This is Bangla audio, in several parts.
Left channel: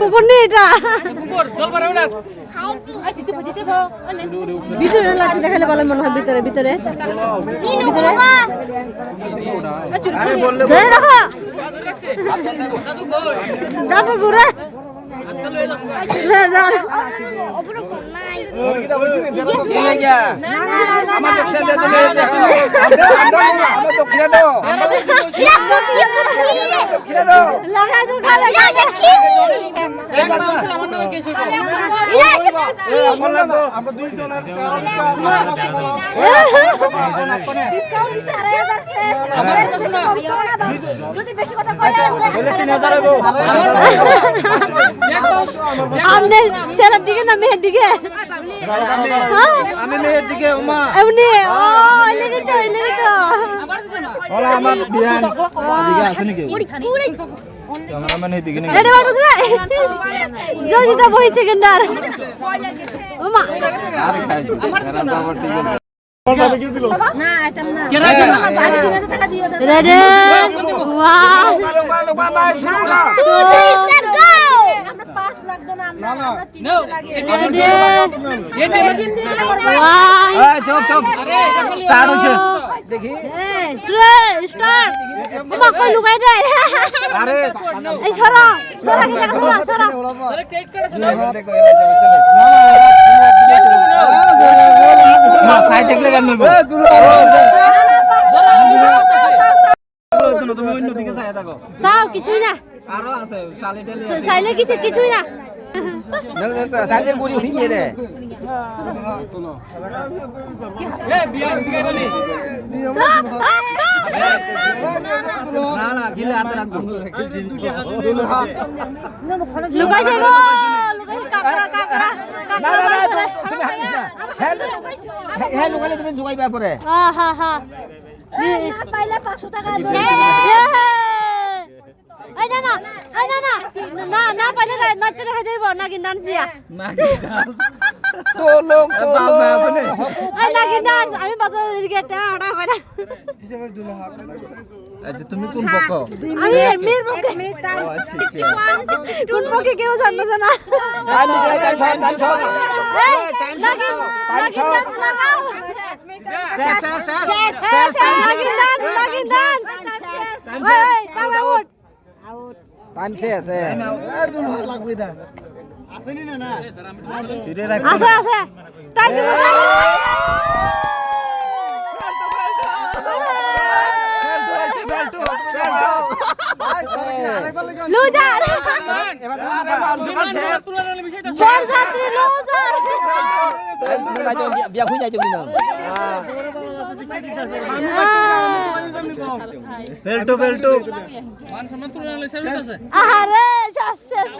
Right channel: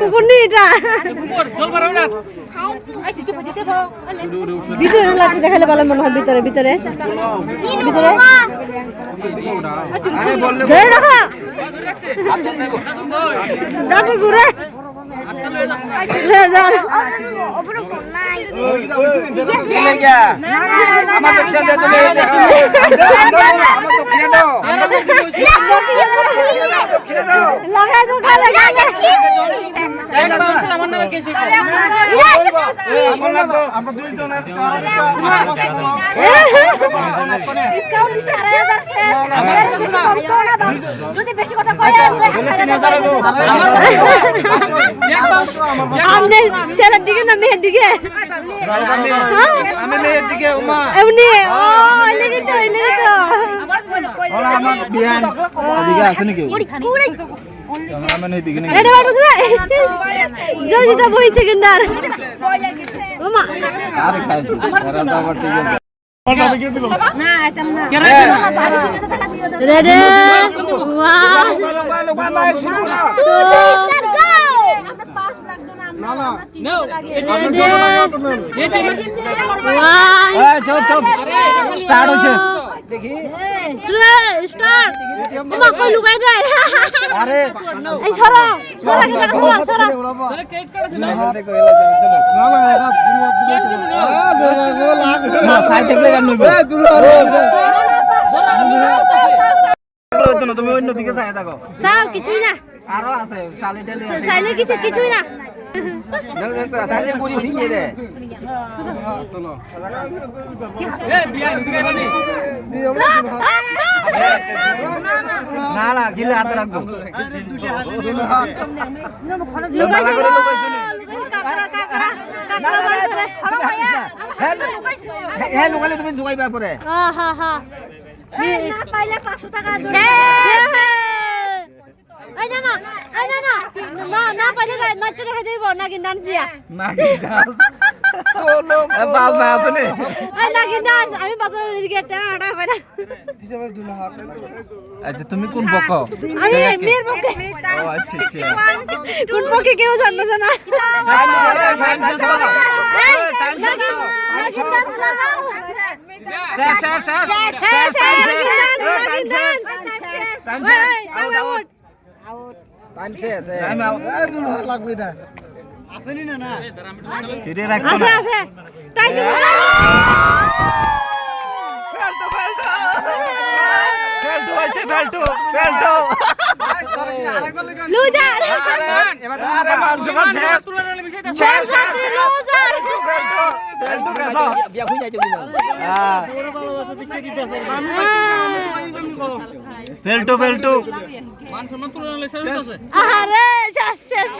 পুকুর নেই এটা ভিতরে লাগছে দেখালে ভালো মনে হয় ভিতরে ভিতরে ঘুরে যদি বেশি কথা আপনি ছেলের দিকে না মেয়ের দিকে আমি মেয়ের দিকে উমা এমনি ও লেগে তো আমার বিয়ান দিকে আছে নাকি ক্যামেরাম্যান এই দিকে নাকি এটা বাড়ু না জজিতা বই সেকেন্ডার ওমা আরে খাইছি এরা তো আবার ঠিক আছে রেডি 1 চুপ স্টার্ট হইছে দেখি স্টার্ট ওমা কই লুকাই দেয় আরে এই সরা মা সাইড দেখলে গান নইবো তুমি অন্য দিকে চাই দেখো সাও কিছুই না আরো আছে সাইলে কিছুই না সাইডে পুরি হিয়ে রে না গিলে হাতে রাখবো লুকাইছে গো কাকড়া বার করে হ্যাঁ লুকালে তুমি জুগাইবা পরে হ্যাঁ না পাইলে 500 টাকা দেবে এই না পাইলে নাচ দেখা যাইব নাগিন ডান্স দিয়া তো লোক বাস না আছে নে এই নাগিন ডান্স আমি বাজার দিকে টাটা কইরা আচ্ছা তুমি কোন পক্ষ আমি মেয়ের পক্ষে আচ্ছা কোন পক্ষে কেউ জানবে না এই নাগিন ডান্স লাগাও নাগিন ডান্স এই আউট টাইম শেষ দুল লাগবে না আসেনি না ফিরে রাখ আছে টাই দিব বেল্টো লুজার এবার আরে মান তুলনার বিষয়টা যাত্রী লুজার বেল্টো কেসা বিয়া হই যাইতে কিনা বেল্টো মান সম্মান তুলনার শেষ আছে আরে শেষ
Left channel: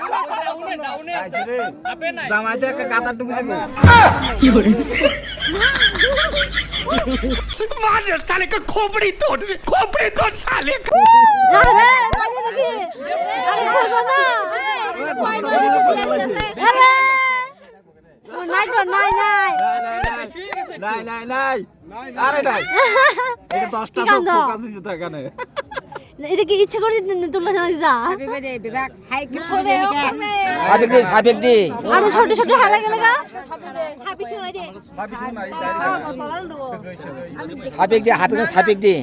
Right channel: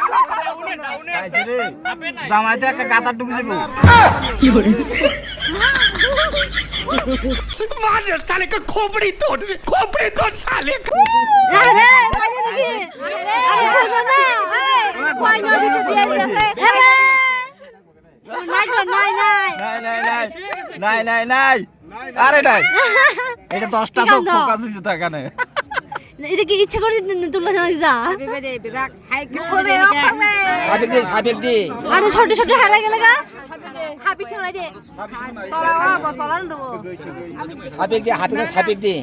জামাইতে একটা কাতার ঢুকে যাব কি করে मार साले का खोपड़ी तोड़ साले का আরে পানি নাকি আরে খোঁজো না আরে নাই তো নাই আরে নাই এটা 10টা ফোকাস হইছে তা কানে এটা কি ইচ্ছা করে তুললা জানা যা সাবেক দে আরে ছোট ছোট হারা গেল গা হাবি শোনাই দে সাবেক দে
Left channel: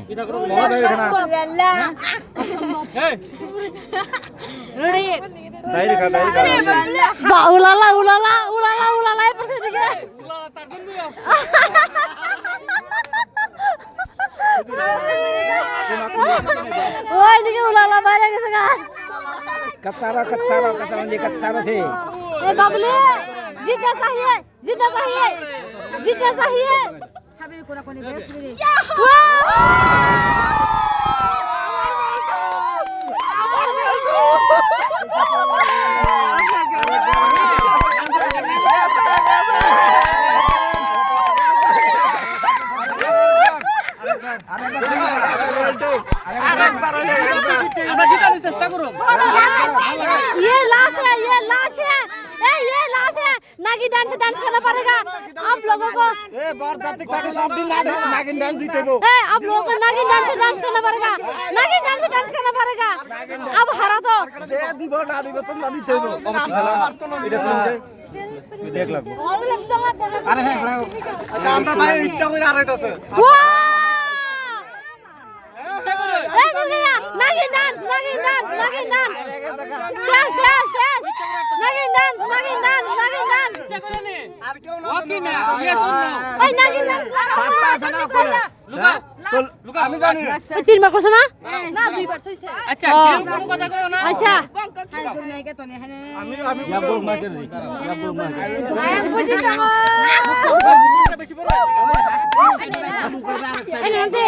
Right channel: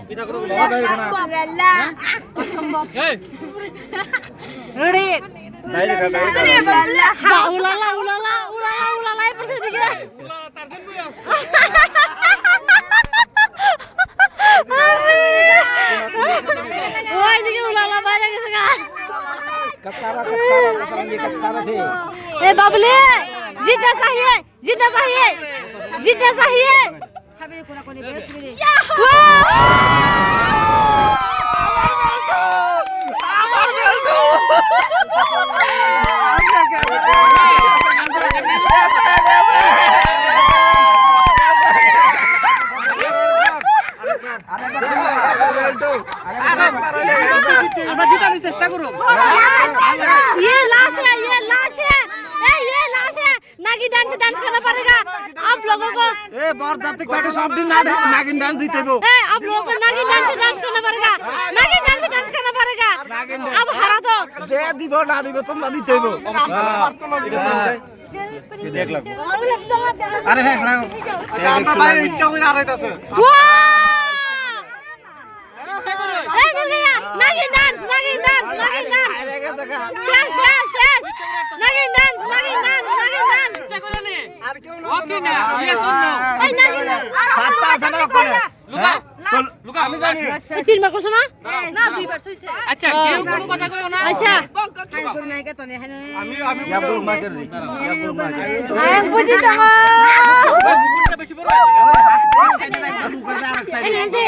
উলালা পড়তে দিকে ওই দিকে উলালা বাইরে গেছে গা कत्तारा से ए बाबले जीतना चाहिए चेष्टा करो ये लाश है नागिन डांस करना पड़ेगा आप लोगों को। नागिन डांस जीते वो। आप लोगों को नागिन डांस करना पड़ेगा, नागिन डांस करना पड़ेगा। अब हरा तो तुम ना जीते वो। देख लो। अरे है इच्छा हुई आ रहा था सर। नागिन डांस ओके ना ये सुन लो लुका আমি জানি তিনবার করছো না? না দুইবার হইছে। আচ্ছা কেউ কোনো কথা কইও না আচ্ছা আমি গোল মার দিই আমি বুঝি না বুকুটা বেশি বড় এই নামতে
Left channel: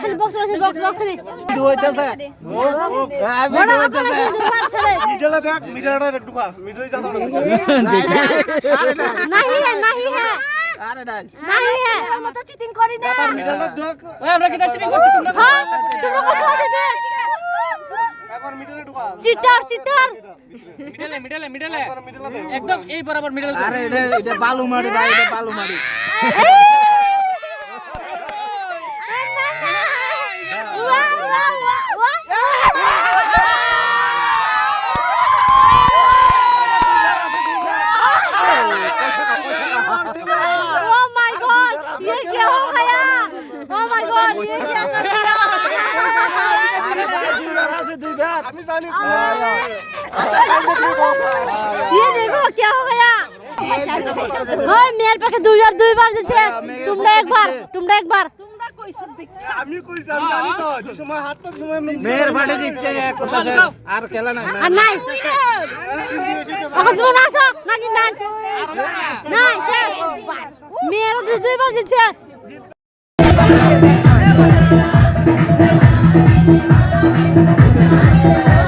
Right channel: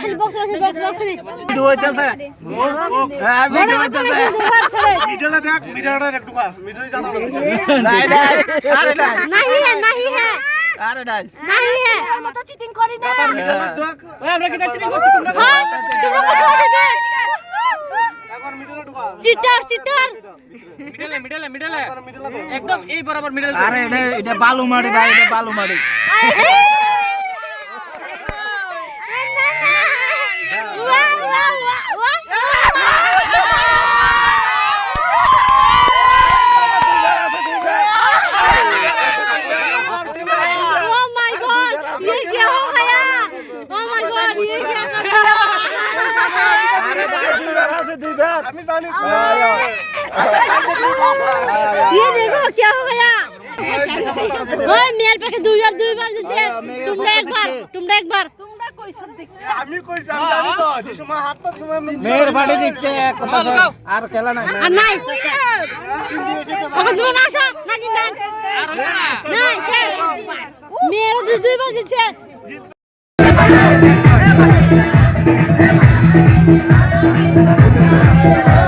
খালি বক্স নে দু হইতাছে বড় আপনি দুবার ছেড়ে মিডলে দেখ মিডলটা একটু পা মিডলে জানো नहीं है আরে নাই नहीं है আমরা তো চিটিং করি না। মিডলটা দেখ ওই আমরা কি চিটিং করছি তোমরা हाँ तुम लोग को दे এখন মিডলে ঢুকা চিটার মিডলে একদম এই বরাবর মিডল আরে এটা বালু মারি ভাই এটা বালু মারি Oh my God, ये क्या हो गया? Oh my God, ये क्या कर दिया? আমি জানি ये देखो क्या हो गया? ओए मेरे पे दो बार दीजिए तुमने एक बार তোমরা কইছো দেখ। আমি কইছি আমি জানি তো যে সময় হাত তো সময় মেয়ের বাড়ি দিচ্ছে এক কথা আর খেলা নাই আর নাই ওকে না আসো না দিন আর হলো না নাই শেষ মেয়ের দুই বার দিচ্ছে Thank you.